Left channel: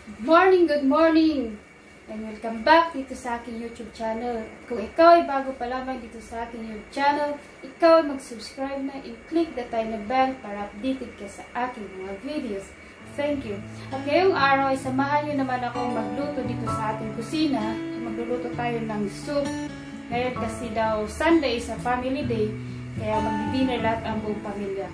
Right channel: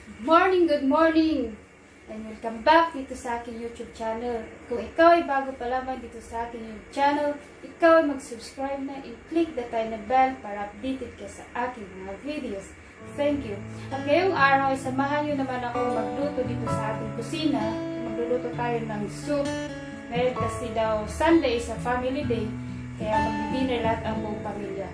Good morning! And welcome back dito sa aking YouTube channel. Kung ikaw ay bago pa lamang dito sa aking YouTube channel, ikaw ay mag-subscribe na and click the tiny bell para updated ka sa aking mga videos. Thank you! At ngayong araw ay samahan nyo naman akong magluto dito sa ating kusina. Magluluto tayo ng soup. Ngayon kasi daw Sunday is a family day, kaya magdi-dinner lahat ang buong pamilya.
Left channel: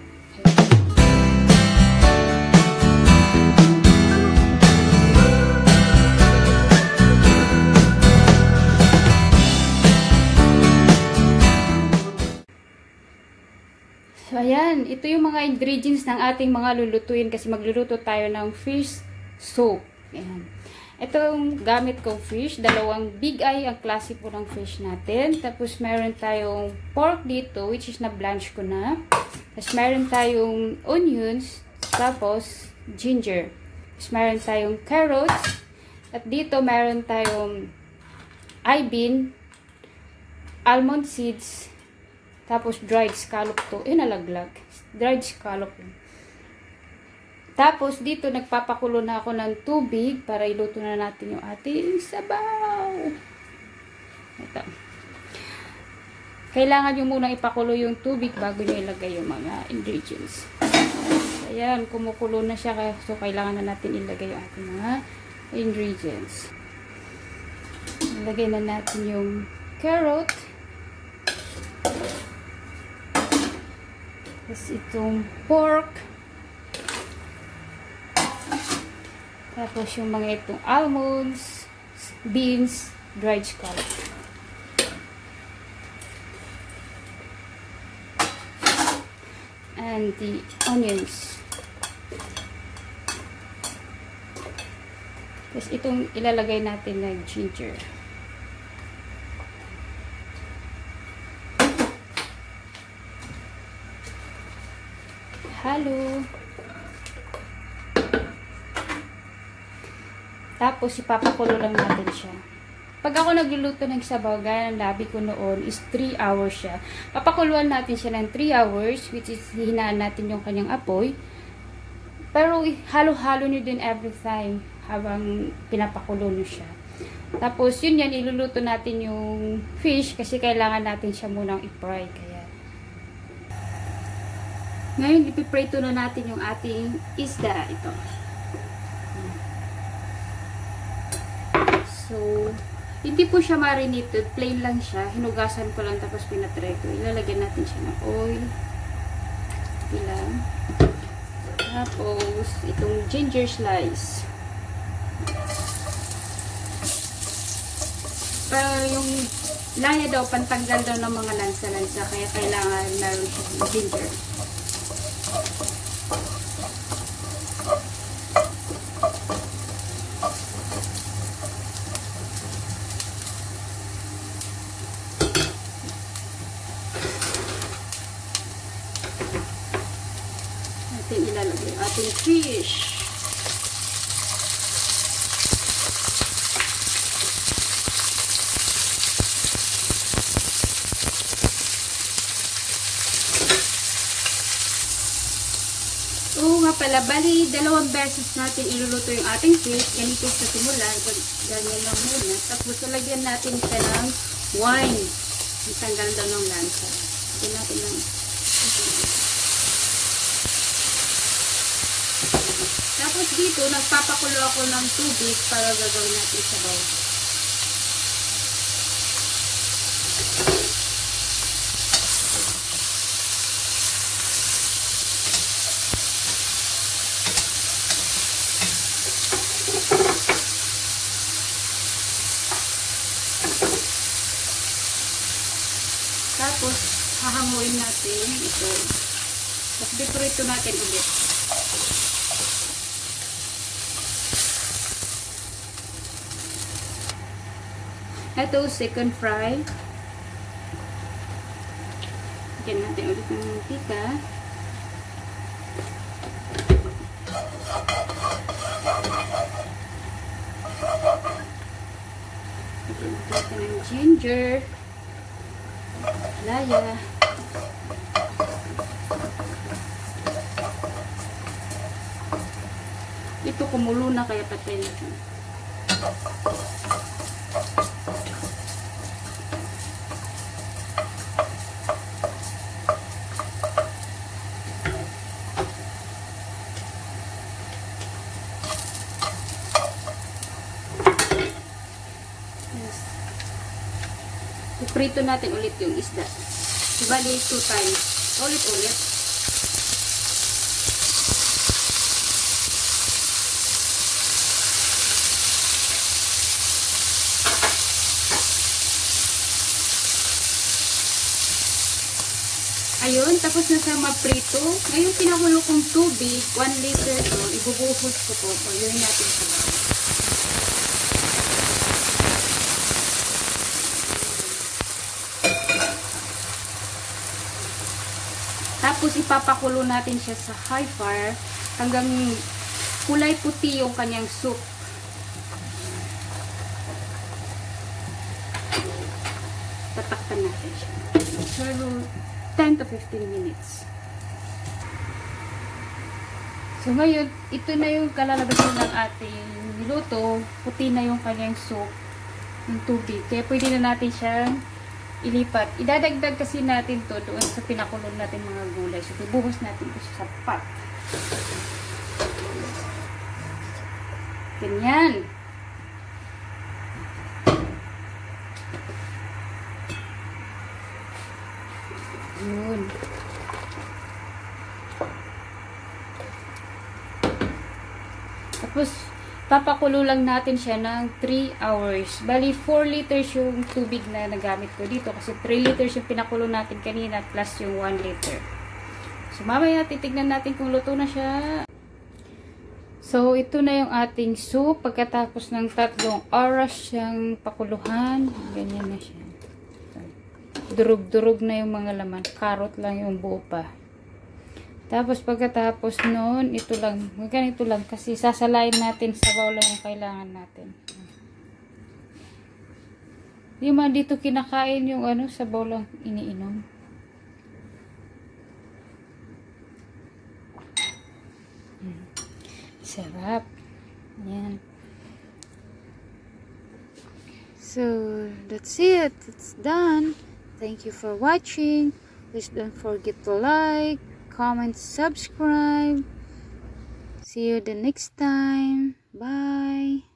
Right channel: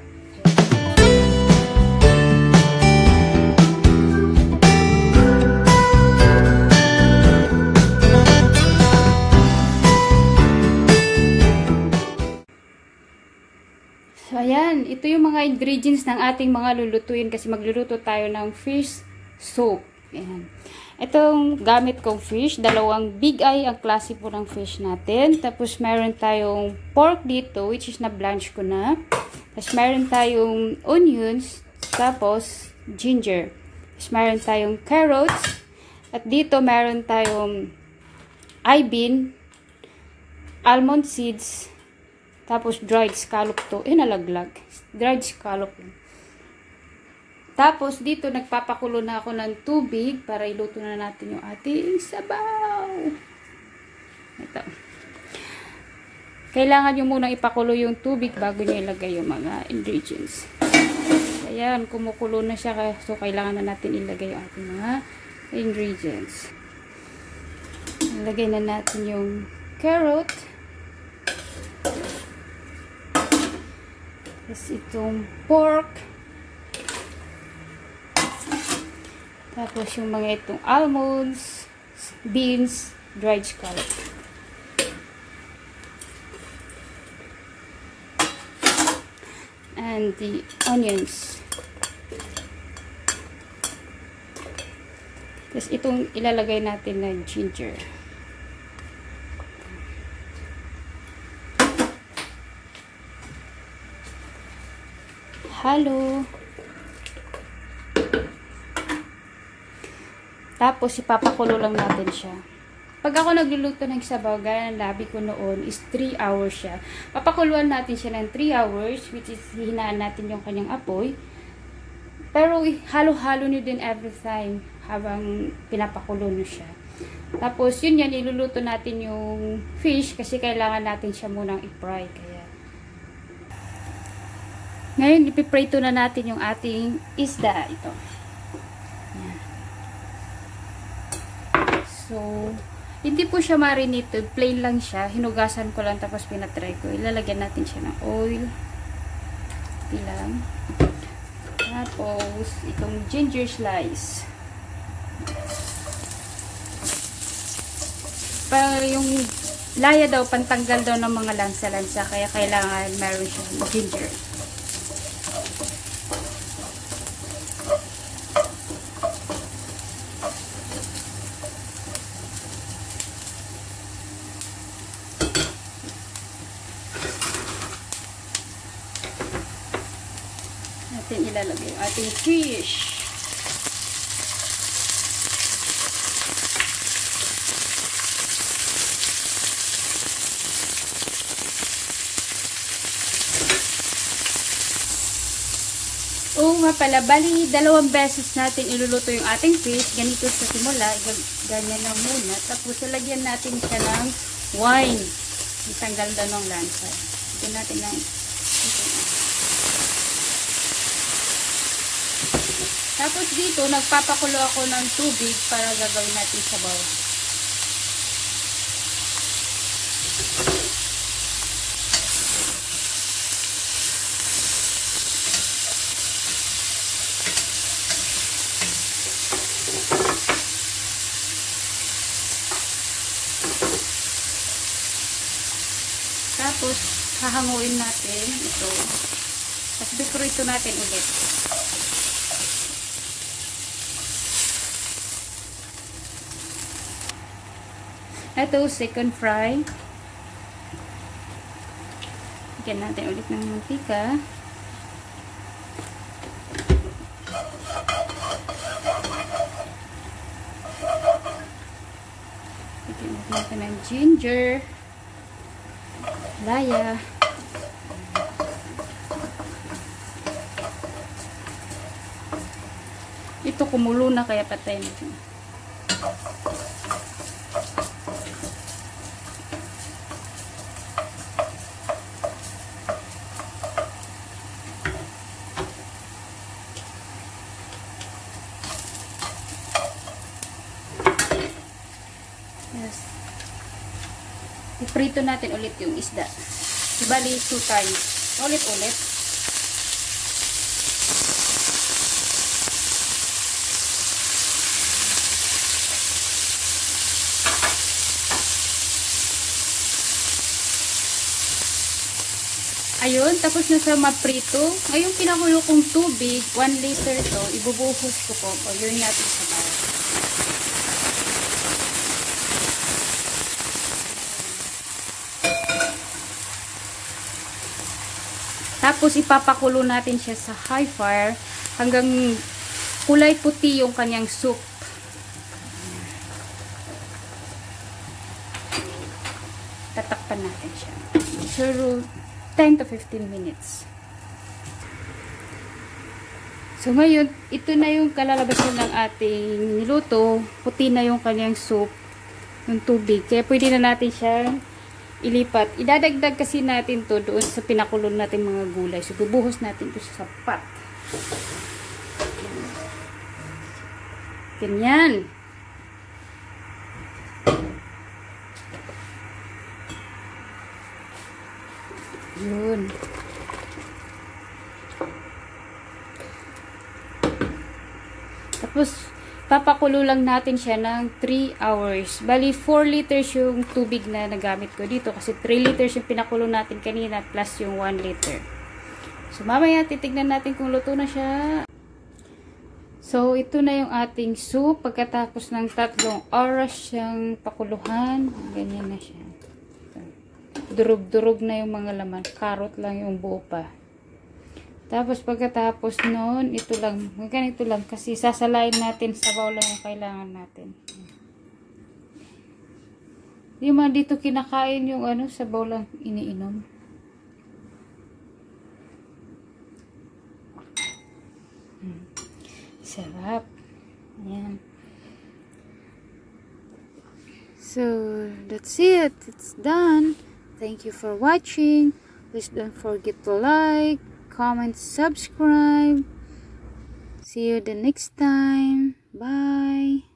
So, ayan. Ito yung mga ingredients ng ating mga lulutuin kasi magluluto tayo ng fish soup. Ayan. Itong gamit kong fish, dalawang big eye ang klase po ng fish natin. Tapos, meron tayong pork dito, which is na-blanch ko na. Tapos, meron tayong onions. Tapos, ginger. Tapos, meron tayong carrots. At dito, meron tayong bean, almond seeds. Tapos, dried scallop to. Nalaglag. Dried scallop. Tapos, dito, nagpapakulo na ako ng tubig para iluto na natin yung ating sabaw. Ito. Kailangan nyo munang ipakulo yung tubig bago nyo ilagay yung mga ingredients. So, ayan, kumukulo na siya. So, kailangan na natin ilagay yung ating mga ingredients. Ilagay na natin yung carrot. Tapos itong pork. Tapos yung mga itong almonds, beans, dried scallop. And the onions. Tapos itong ilalagay natin ng ginger. Halo. Tapos, ipapakulo lang natin siya. Pag ako nagluluto ng sabaw, gaya ng labi ko noon, is 3 hours siya. Papakuluan natin siya ng 3 hours, which is hihinaan natin yung kanyang apoy. Pero, halo-halo nyo din every time habang pinapakulo nyo siya. Tapos, yun yan, iluluto natin yung fish kasi kailangan natin siya munang i-fry. Kaya, ngayon, ipiprito na natin yung ating isda. Ito. So, hindi po siya marinated. Plain lang siya. Hinugasan ko lang tapos pinatry ko. Ilalagyan natin siya ng oil. Ilang. Tapos, itong ginger slice. Para yung laya daw, pantanggal daw ng mga lansa-lansa. Kaya kailangan meron siya ng ginger. Natin ilalagay yung ating fish. Oo nga pala, bali, 2 beses natin iluluto yung ating fish. Ganito sa simula, ganyan lang muna. Tapos, lagyan natin siya ng wine. Itanggal daw ng lansa. Lagyan natin ng... Tapos dito, nagpapakulo ako ng tubig para gagawin natin sabaw. Tapos, hahanguin natin ito. At biprito natin ulit. Ito, second fry. Lagyan natin ulit ng mantika. Lagyan natin ng ginger. Laya. Ito kumulo na kaya patay na. Yes. Iprito natin ulit yung isda. Bali 2 times. Ulit-ulit. Ayun, tapos na sa maprito. Ayun, pinakulo kong tubig, 1 liter ito, ibubuhos ko po. O, yun natin sa bawang. Tapos, ipapakulo natin siya sa high fire hanggang kulay puti yung kanyang soup. Tatakpan natin siya. Pero, 10 to 15 minutes. So, ngayon, ito na yung kalalabasan ng ating niluto. Puti na yung kanyang soup ng tubig. Kaya pwede na natin siyang ilipat. Idadagdag kasi natin to doon sa pinakulong natin mga gulay. So, bubuhos natin ito sa pot. Ganyan. Yun. Tapos, papakulo lang natin siya ng 3 hours. Bali, 4 liters yung tubig na nagamit ko dito. Kasi 3 liters yung pinakulo natin kanina plus yung 1 liter. So, mamaya titignan natin kung luto na siya. So, ito na yung ating soup. Pagkatapos ng 3 oras siyang pakuluhan, ganyan na siya. Durog-durog na yung mga laman. Carrot lang yung buo pa. Tapos pagkatapos noon, ito lang. Ganito lang. Kasi sasalain natin sa bowl lang yung kailangan natin. Yung mga dito kinakain yung ano, sa bowl lang iniinom. Sarap. Ayan. So, that's it. It's done. Thank you for watching. Please don't forget to like, comment, subscribe. See you the next time. Bye.